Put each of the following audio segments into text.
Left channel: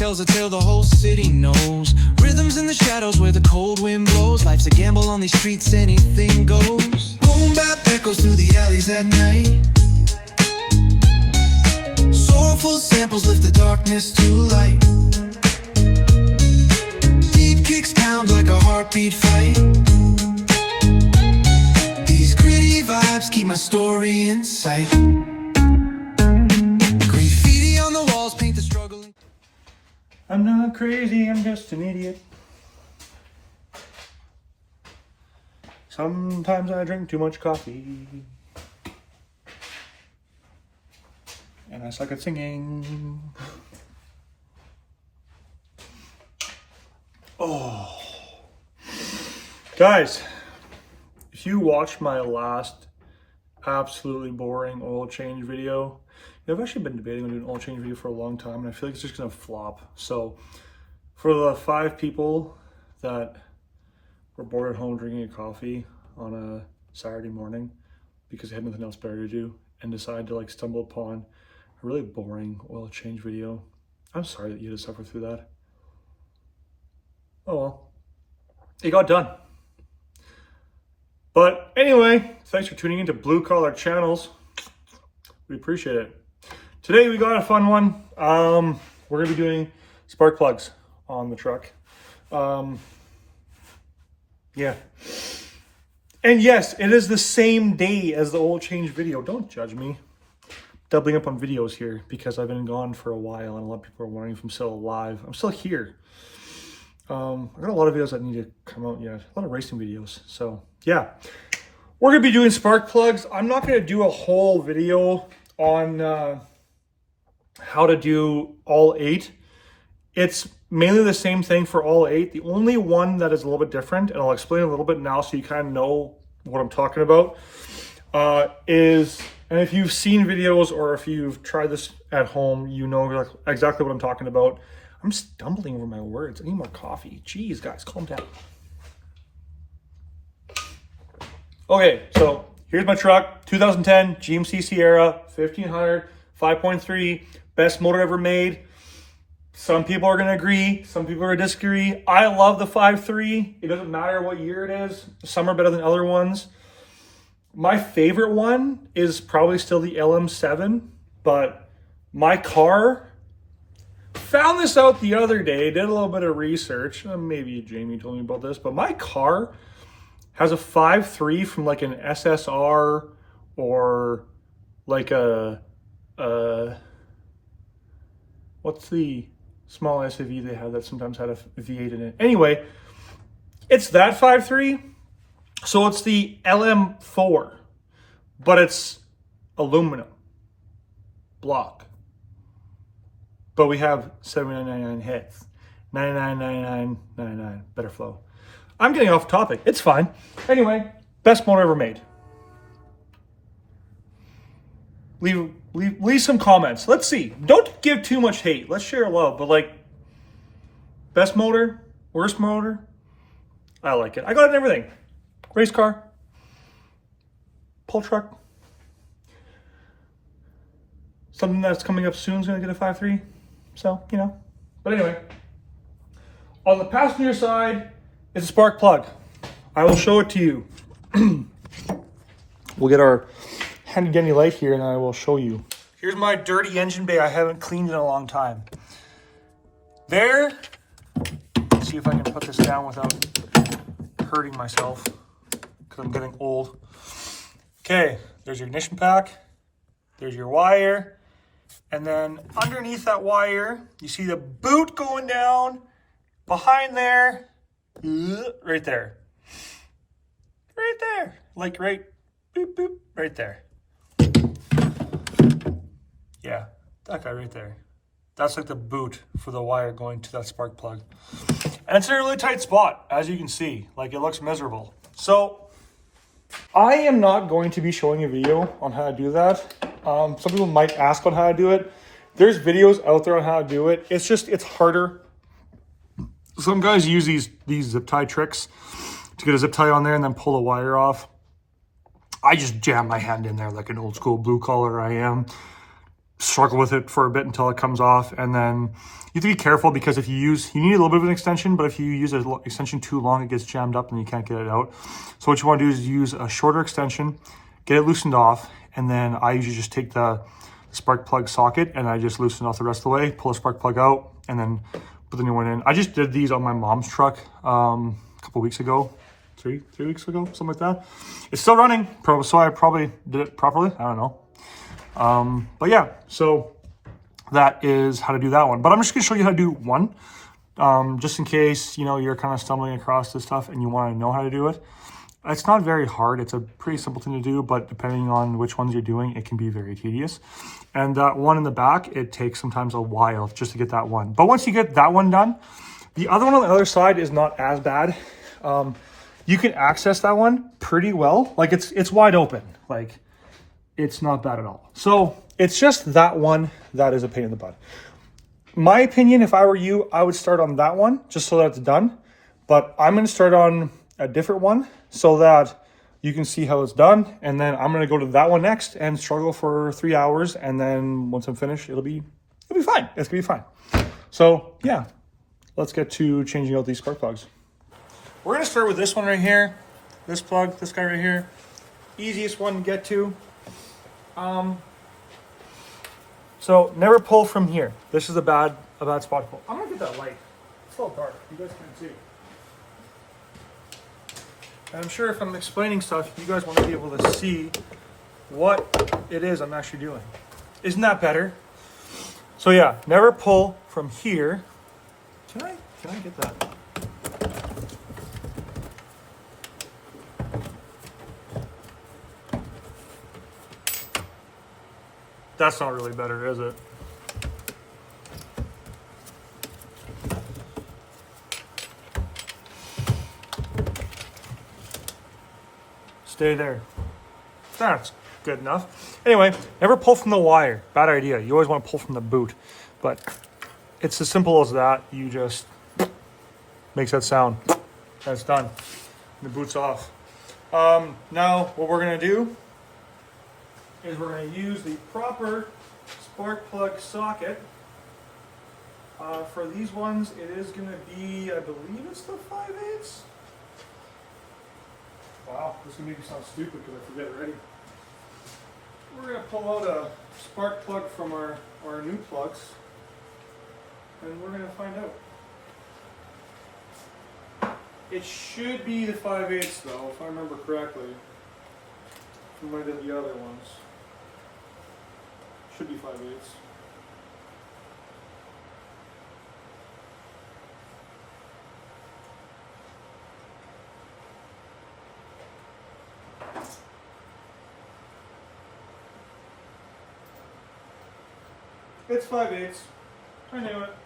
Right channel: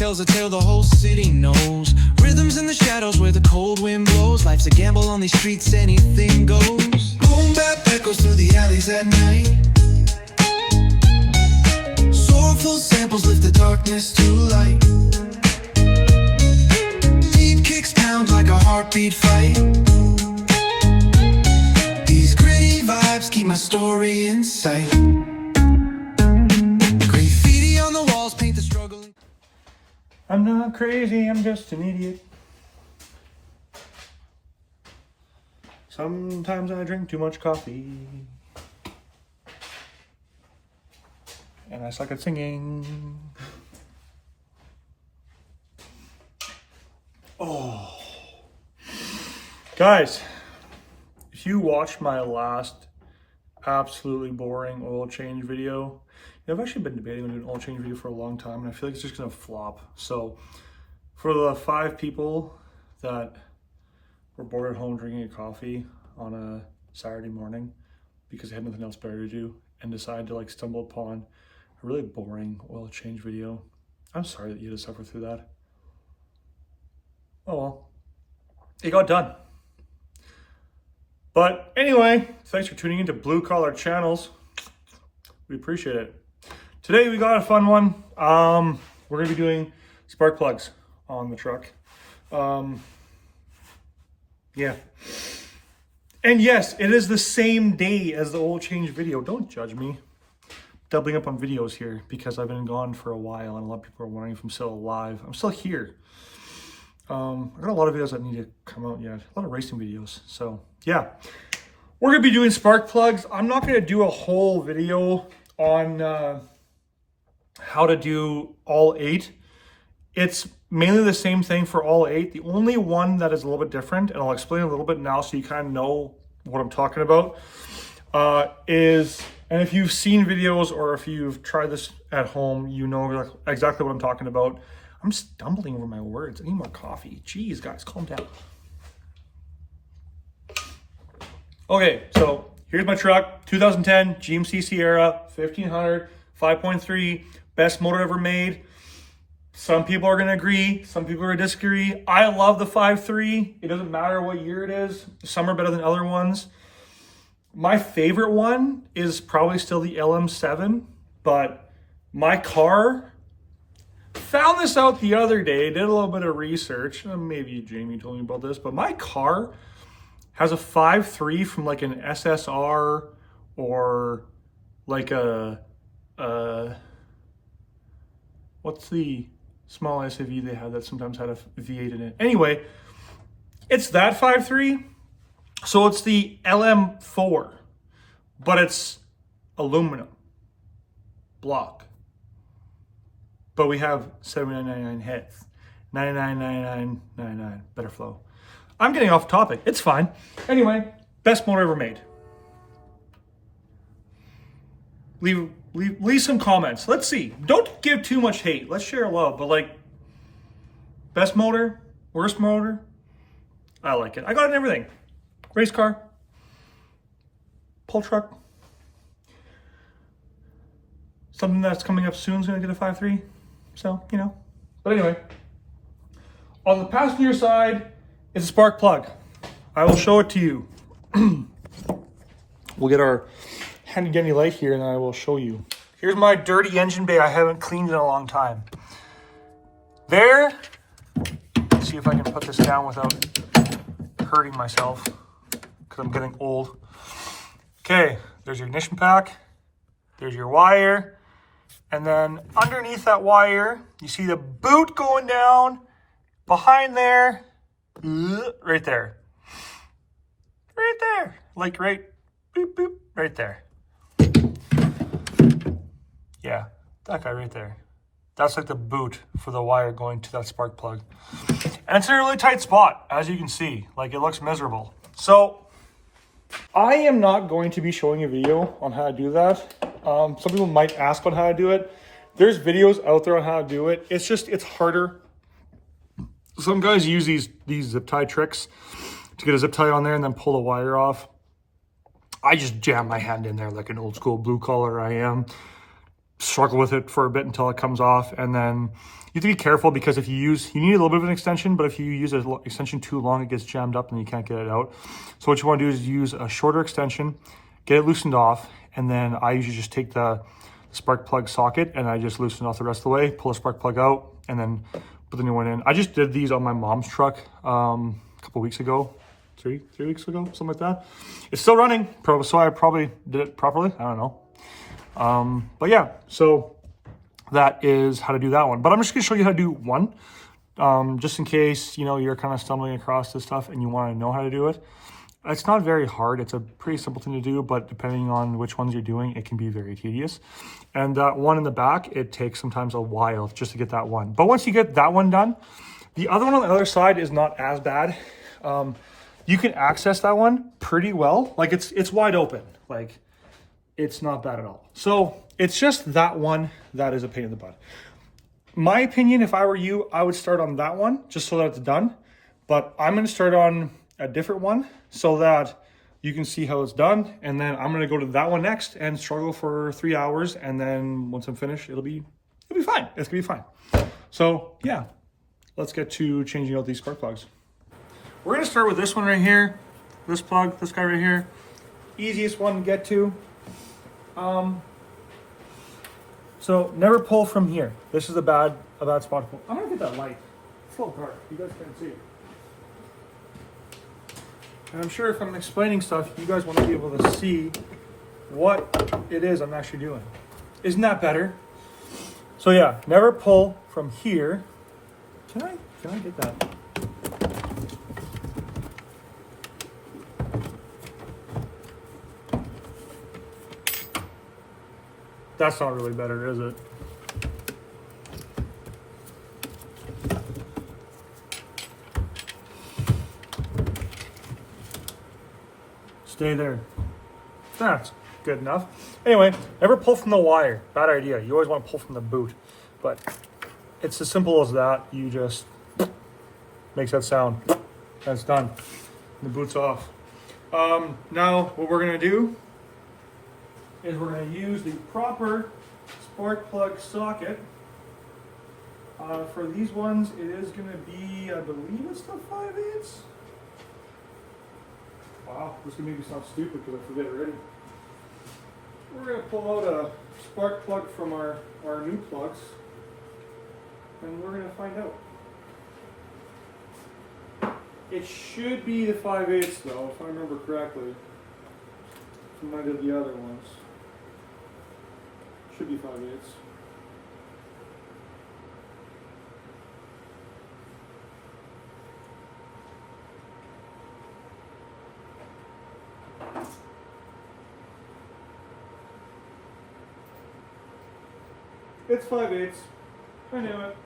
tells a tale the whole city knows. Rhythms in the shadows where the cold wind blows. Life's a gamble on these streets, anything goes. Boom bap echoes through the alleys at night. Soulful samples lift the darkness to light. Deep kicks pound like a heartbeat fight. These gritty vibes keep my story in sight. Graffiti on the walls paint the struggle. I'm not crazy, I'm just an idiot. Sometimes I drink too much coffee. And I suck at singing. Oh. Guys, if you watched my last absolutely boring oil change video, I've actually been debating on doing an oil change video for a long time, and I feel like it's just gonna flop. So for the 5 people that were bored at home drinking a coffee on a Saturday morning because they had nothing else better to do and decided to like stumble upon a really boring oil change video, I'm sorry that you had to suffer through that. Oh well, it got done. But anyway, thanks for tuning into Blue Collar Channels. We appreciate it. Today we got a fun one. We're gonna be doing spark plugs on the truck. Yeah. And yes, it is the same day as the oil change video. Don't judge me. Doubling up on videos here because I've been gone for a while and a lot of people are wondering if I'm still alive. I'm still here. I got a lot of videos that need to come out yet. A lot of racing videos. So yeah, we're gonna be doing spark plugs. I'm not gonna do a whole video on how to do all 8. It's mainly the same thing for all 8. The only one that is a little bit different, and I'll explain a little bit now so you kind of know what I'm talking about, is, and if you've seen videos or if you've tried this at home, you know exactly what I'm talking about. I'm stumbling over my words. I need more coffee. Jeez, guys, calm down. Okay, so here's my truck, 2010 GMC Sierra, 1500, 5.3, best motor ever made. Some people are gonna agree, some people are gonna disagree. I love the 5.3. It doesn't matter what year it is. Some are better than other ones. My favorite one is probably still the LM7, but my car, found this out the other day, did a little bit of research. Maybe Jamie told me about this, but my car has a 5.3 from like an SSR or like a what's the small SUV they have that sometimes had a V8 in it? Anyway, it's that 5.3. So it's the LM4, but it's aluminum block. But we have 79.99 heads, 99.99.99 better flow. I'm getting off topic. It's fine. Anyway, best motor ever made. Leave some comments. Let's see. Don't give too much hate. Let's share love. But like, best motor, worst motor. I like it. I got it in everything. Race car, pull truck. Something that's coming up soon is gonna get a 5.3. So, you know. But anyway, on the passenger side, it's a spark plug. I will show it to you. We'll get our handy dandy light here and I will show you. Here's my dirty engine bay I haven't cleaned in a long time. There, let's see if I can put this down without hurting myself because I'm getting old. Okay, there's your ignition pack. There's your wire. And then underneath that wire, you see the boot going down. Behind there, right there. Right there. Like right, boop, boop, right there. Yeah, that guy right there. That's like the boot for the wire going to that spark plug. And it's in a really tight spot, as you can see. Like, it looks miserable. So, I am not going to be showing a video on how to do that. Some people might ask on how to do it. There's videos out there on how to do it. It's just, it's harder. Some guys use these zip tie tricks to get a zip tie on there and then pull the wire off. I just jam my hand in there like an old school blue collar I am. struggle with it for a bit until it comes off. And then you have to be careful because if you need a little bit of an extension, but if you use an extension too long, it gets jammed up and you can't get it out. So what you want to do is use a shorter extension, get it loosened off, and then I usually just take the spark plug socket and I just loosen off the rest of the way, pull a spark plug out, and then put the new one in. I just did these on my mom's truck a couple weeks ago, three weeks ago, something like that. It's still running, so I probably did it properly. I don't know. But yeah, so that is how to do that one. But I'm just gonna show you how to do one, just in case, you know, you're kind of stumbling across this stuff and you want to know how to do it. It's not very hard. It's a pretty simple thing to do, but depending on which ones you're doing, it can be very tedious. And that one in the back, it takes sometimes a while just to get that one. But once you get that one done, the other one on the other side is not as bad. You can access that one pretty well. Like it's wide open. Like it's not bad at all. So it's just that one that is a pain in the butt. My opinion, if I were you, I would start on that one just so that it's done. But I'm going to start on a different one so that you can see how it's done. And then I'm going to go to that one next and struggle for 3 hours. And then once I'm finished, it'll be fine. It's going to be fine. So yeah, let's get to changing out these spark plugs. We're going to start with this one right here. This plug, this guy right here. Easiest one to get to. So never pull from here. This is a bad spot to pull. I'm going to get that light. It's all dark. You guys can't see. I'm sure if I'm explaining stuff, you guys want to be able to see what it is I'm actually doing. Isn't that better? So yeah, never pull from here. Can I get that? That's not really better, is it? Stay there. That's good enough. Anyway, never pull from the wire. Bad idea. You always want to pull from the boot. But it's as simple as that. You just makes that sound. That's done. The boot's off. Now what we're going to do is we're going to use the proper spark plug socket. For these ones, it is going to be, I believe it's the 5/8. Wow, this will make me sound stupid because I forget already. We're going to pull out a spark plug from our new plugs, and we're going to find out. It should be the 5/8 though, if I remember correctly, from one of the other ones. Should be 5/8. It's 5/8. I knew it.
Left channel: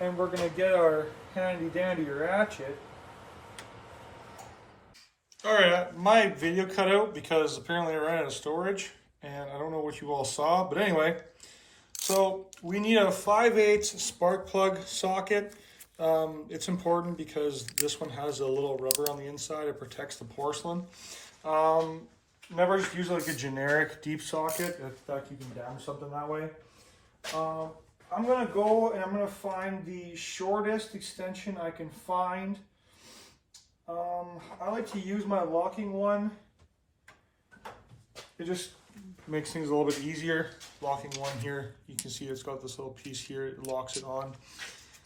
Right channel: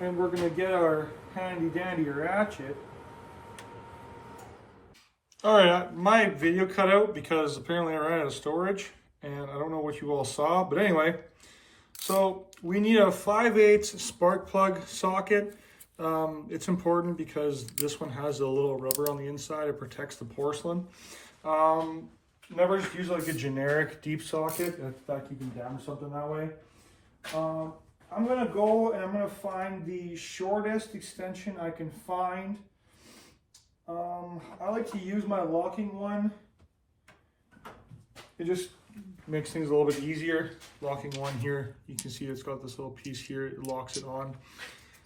And we're going to get our handy dandy ratchet. Alright, my video cut out because apparently I ran out of storage and I don't know what you all saw, but anyway. So we need a 5/8 spark plug socket. It's important because this one has a little rubber on the inside. It protects the porcelain. Never just use like a generic deep socket if that you can damage something that way. I'm gonna go and I'm gonna find the shortest extension I can find. I like to use my locking one. It just makes things a little bit easier. Locking one here, you can see it's got this little piece here, it locks it on.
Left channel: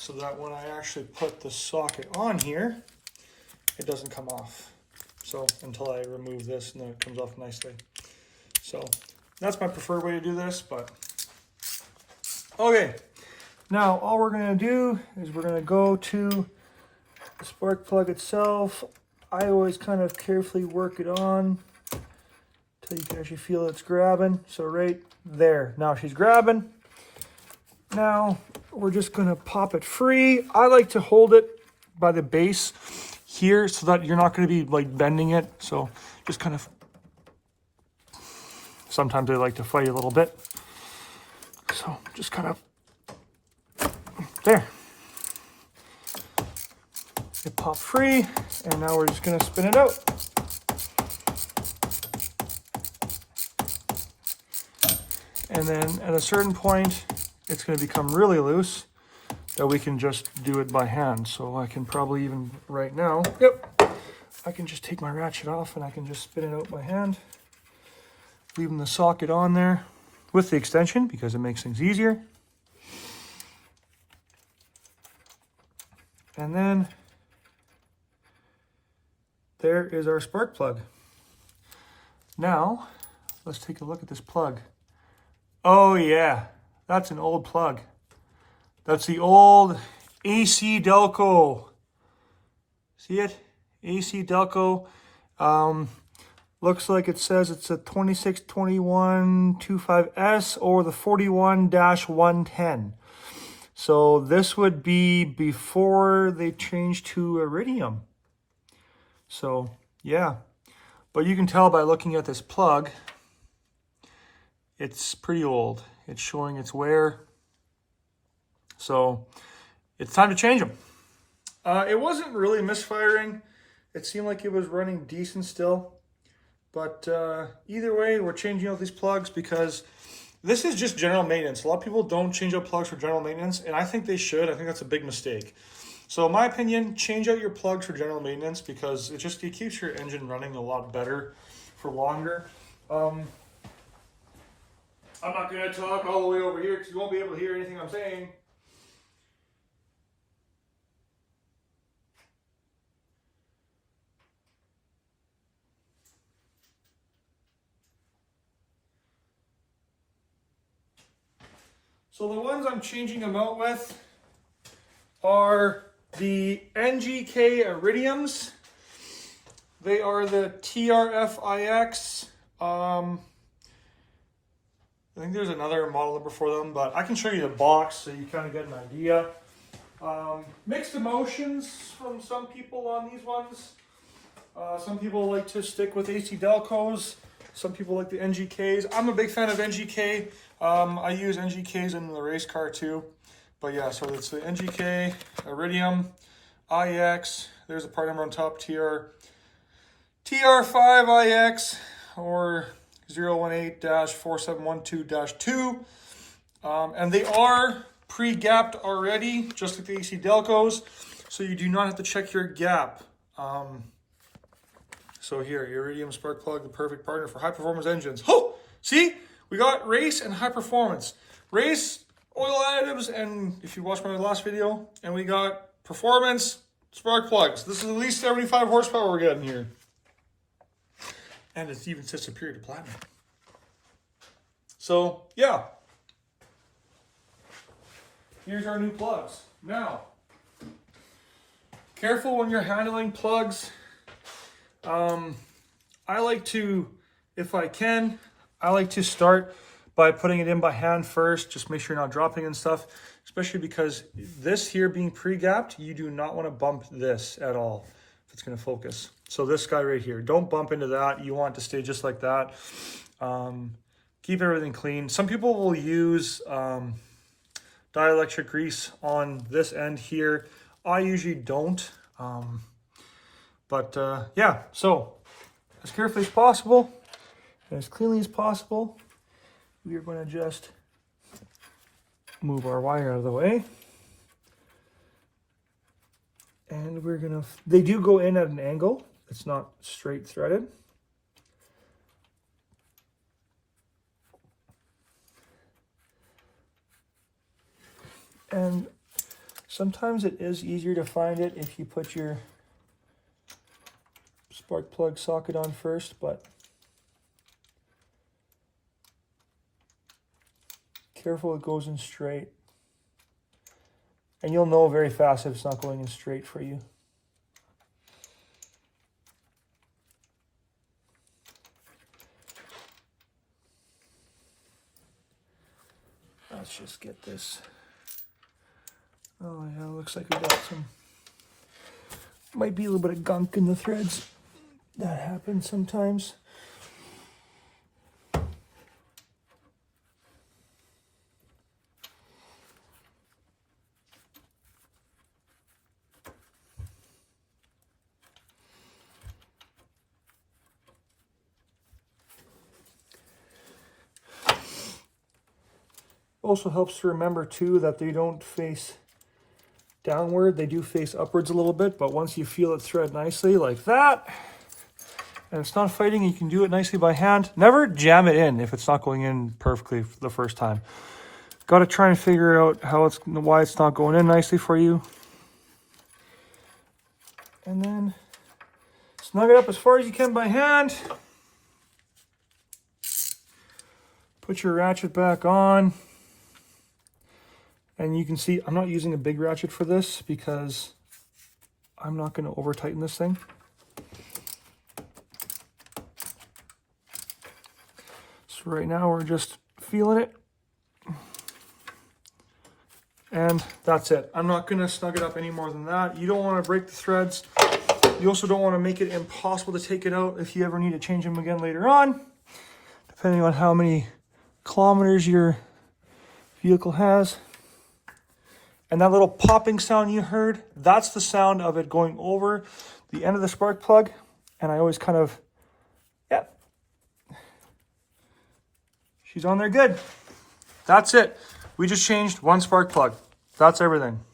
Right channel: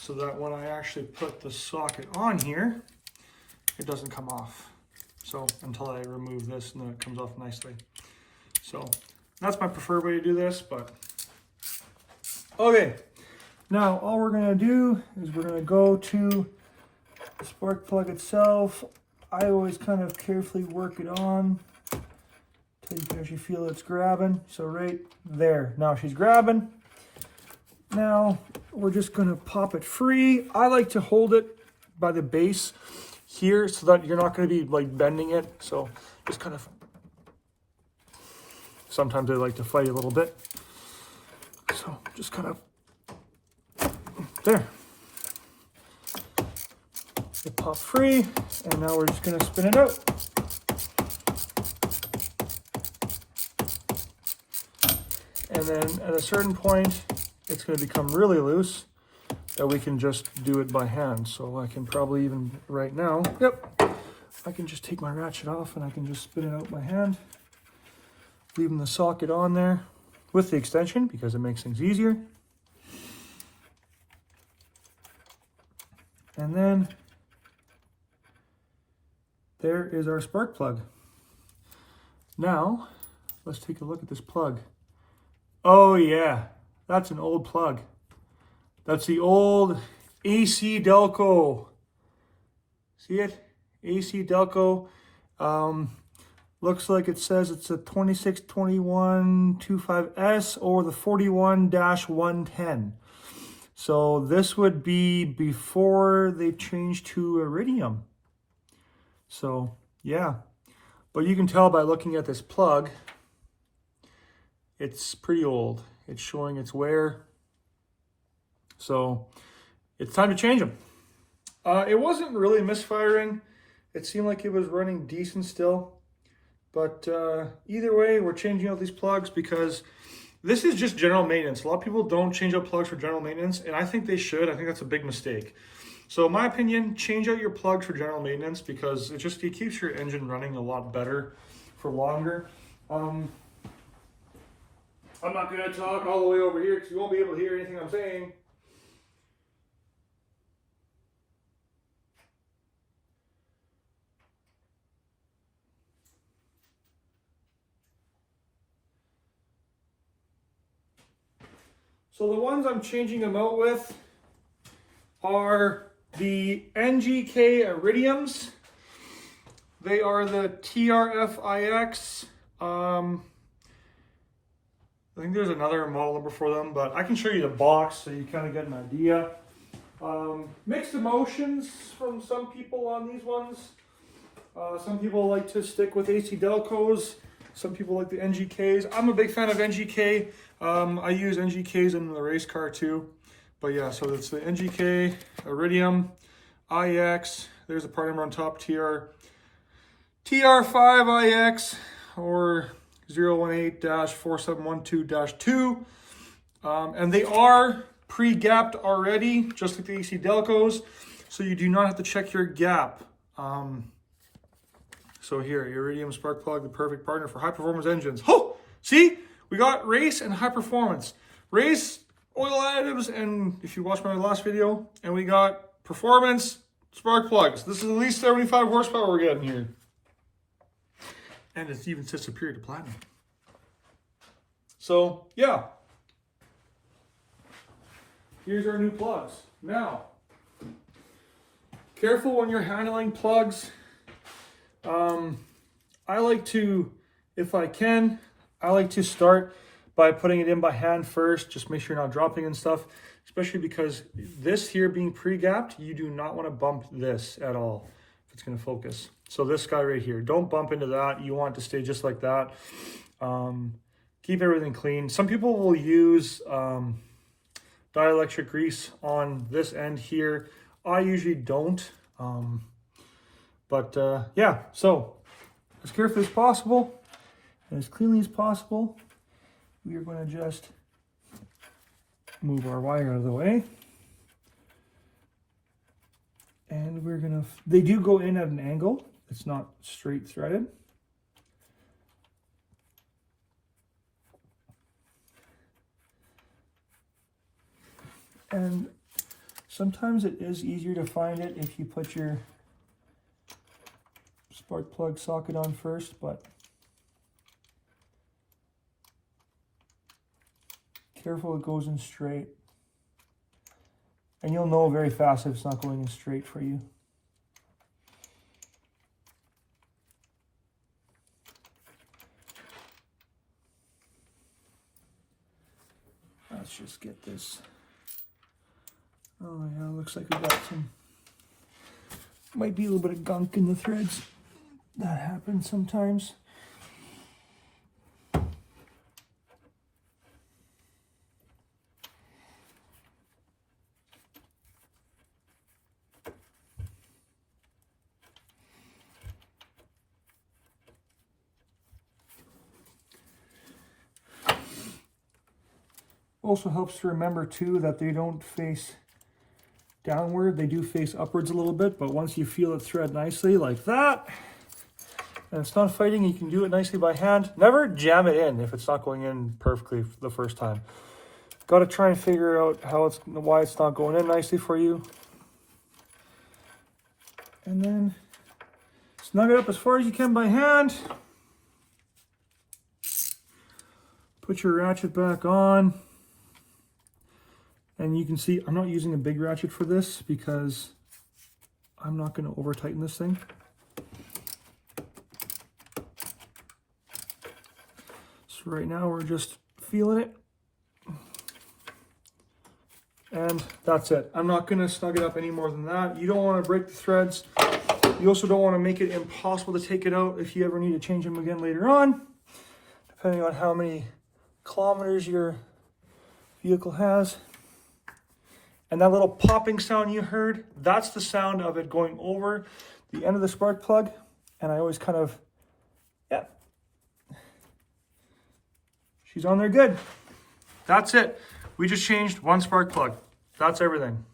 So that when I actually put the socket on here, it doesn't come off. So until I remove this and then it comes off nicely. So that's my preferred way to do this, but okay. Now all we're gonna do is we're gonna go to the spark plug itself. I always kind of carefully work it on until you can actually feel it's grabbing. So right there, now she's grabbing. Now we're just gonna pop it free. I like to hold it by the base here so that you're not going to be like bending it. So just kind of, sometimes they like to fight a little bit. So just kind of, there. It popped free and now we're just going to spin it out. And then at a certain point, it's going to become really loose that we can just do it by hand. So I can probably even right now, I can just take my ratchet off and I can just spin it out by hand, leaving the socket on there with the extension because it makes things easier. And then there is our spark plug. Now, let's take a look at this plug. Oh yeah, that's an old plug. That's the old AC Delco. See it? AC Delco. Looks like it says it's a 262125S or the 41-110. So this would be before they changed to iridium. So yeah, but you can tell by looking at this plug, it's pretty old. It's showing its wear. So it's time to change them. It wasn't really misfiring. It seemed like it was running decent still. But either way, we're changing out these plugs because this is just general maintenance. A lot of people don't change out plugs for general maintenance, and I think they should. I think that's a big mistake. So in my opinion, change out your plugs for general maintenance because it keeps your engine running a lot better for longer. I'm not going to talk all the way over here because you won't be able to hear anything I'm saying. So the ones I'm changing them out with are the NGK Iridiums. They are the TRFIX. I think there's another model number for them, but I can show you the box so you kind of get an idea. Mixed emotions from some people on these ones. Some people like to stick with AC Delcos. Some people like the NGKs. I'm a big fan of NGK. I use NGKs in the race car too. But yeah, so it's the NGK Iridium IX. There's a part number on top, TR5IX or 018-4712-2. And they are pre-gapped already, just like the AC Delcos. So you do not have to check your gap. So here, Iridium spark plug, the perfect partner for high performance engines. Oh, see, we got race and high performance. Race, oil additives, and if you watched my last video, and we got performance spark plugs. This is at least 75 horsepower we're getting here. And it even says superior to platinum. So yeah, here's our new plugs. Now, careful when you're handling plugs. I like to, if I can, I like to start by putting it in by hand first. Just make sure you're not dropping and stuff, especially because this here being pre-gapped, you do not want to bump this at all if it's going to focus. So this guy right here, don't bump into that. You want it to stay just like that. Keep everything clean. Some people will use dielectric grease on this end here. I usually don't. Yeah, so as carefully as possible and as cleanly as possible, we are going to just move our wire out of the way. And we're going to, they do go in at an angle. It's not straight threaded. And sometimes it is easier to find it if you put your spark plug socket on first, but careful it goes in straight. And you'll know very fast if it's not going in straight for you. Let's just get this. Oh yeah, looks like we got some, might be a little bit of gunk in the threads. That happens sometimes. Also helps to remember too that they don't face downward, they do face upwards a little bit, but once you feel it thread nicely like that, and it's not fighting, you can do it nicely by hand. Never jam it in if it's not going in perfectly the first time. Got to try and figure out why it's not going in nicely for you. And then snug it up as far as you can by hand. Put your ratchet back on. And you can see I'm not using a big ratchet for this because I'm not going to over tighten this thing. So right now we're just feeling it. And that's it. I'm not going to snug it up any more than that. You don't want to break the threads. You also don't want to make it impossible to take it out if you ever need to change them again later on, depending on how many kilometers your vehicle has. And that little popping sound you heard, that's the sound of it going over the end of the spark plug. And I always kind of, yeah, she's on there good. That's it. We just changed one spark plug. That's everything.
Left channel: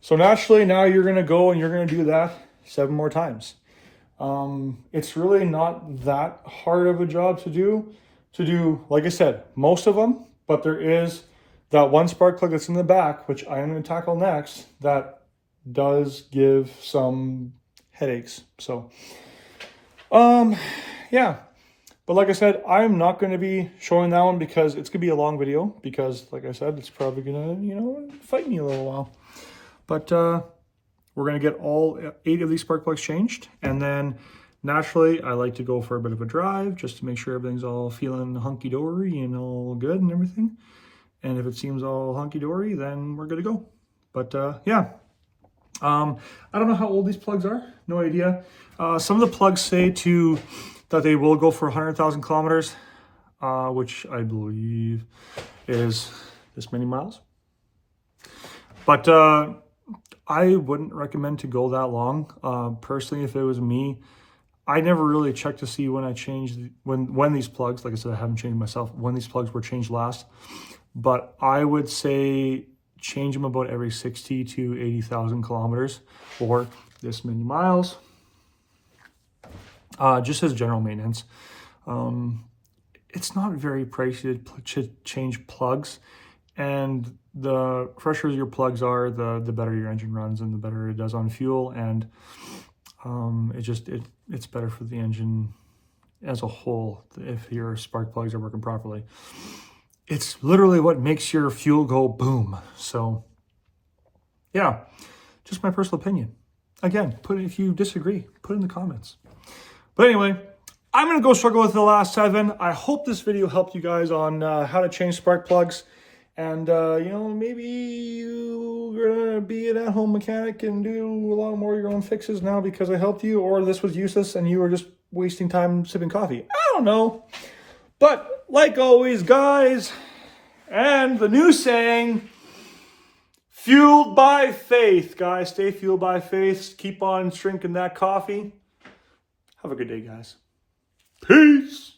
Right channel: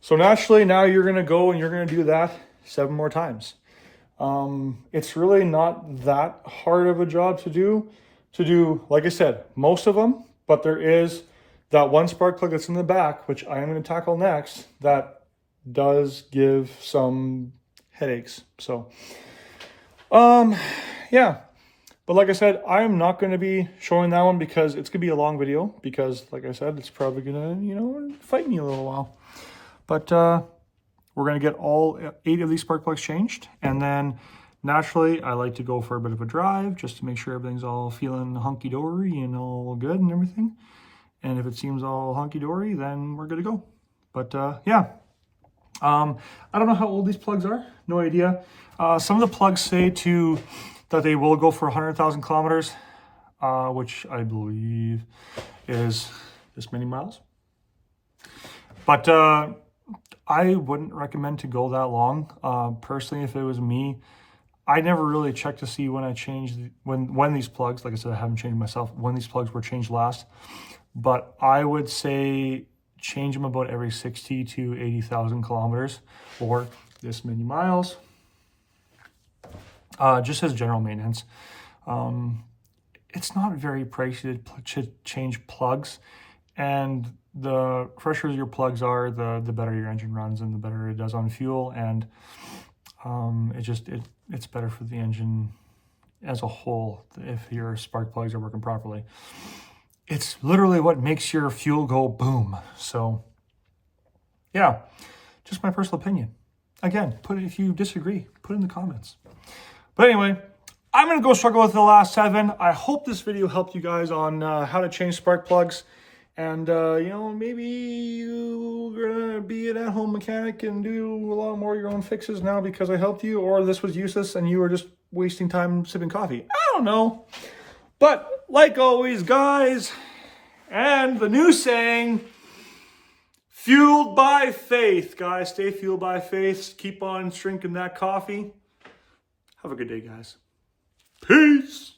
So naturally, now you're going to go and you're going to do that 7 more times. It's really not that hard of a job to do, like I said, most of them. But there is that one spark plug that's in the back, which I am going to tackle next, that does give some headaches. So, yeah. But like I said, I'm not going to be showing that one because it's going to be a long video. Because, like I said, it's probably going to, fight me a little while. But we're going to get all 8 of these spark plugs changed. And then, naturally, I like to go for a bit of a drive just to make sure everything's all feeling hunky-dory and all good and everything. And if it seems all hunky-dory, then we're good to go. But, yeah. I don't know how old these plugs are. No idea. Some of the plugs say that they will go for 100,000 kilometers, which I believe is this many miles. But I wouldn't recommend to go that long. Personally, if it was me, I never really checked to see when I changed, when these plugs, like I said, I haven't changed myself, when these plugs were changed last. But I would say change them about every 60 to 80,000 kilometers or this many miles. Just as general maintenance. It's not very pricey to change plugs, and the fresher your plugs are, the better your engine runs and the better it does on fuel, and it's better for the engine as a whole if your spark plugs are working properly. It's literally what makes your fuel go boom. So yeah, just my personal opinion. Again, if you disagree, put it in the comments. But anyway, I'm going to go struggle with the last 7. I hope this video helped you guys on how to change spark plugs. And, maybe you're going to be an at-home mechanic and do a lot more of your own fixes now because I helped you. Or this was useless and you were just wasting time sipping coffee. I don't know. But like always, guys, and the new saying, fueled by faith. Guys, stay fueled by faith. Keep on drinking that coffee. Have a good day, guys. Peace.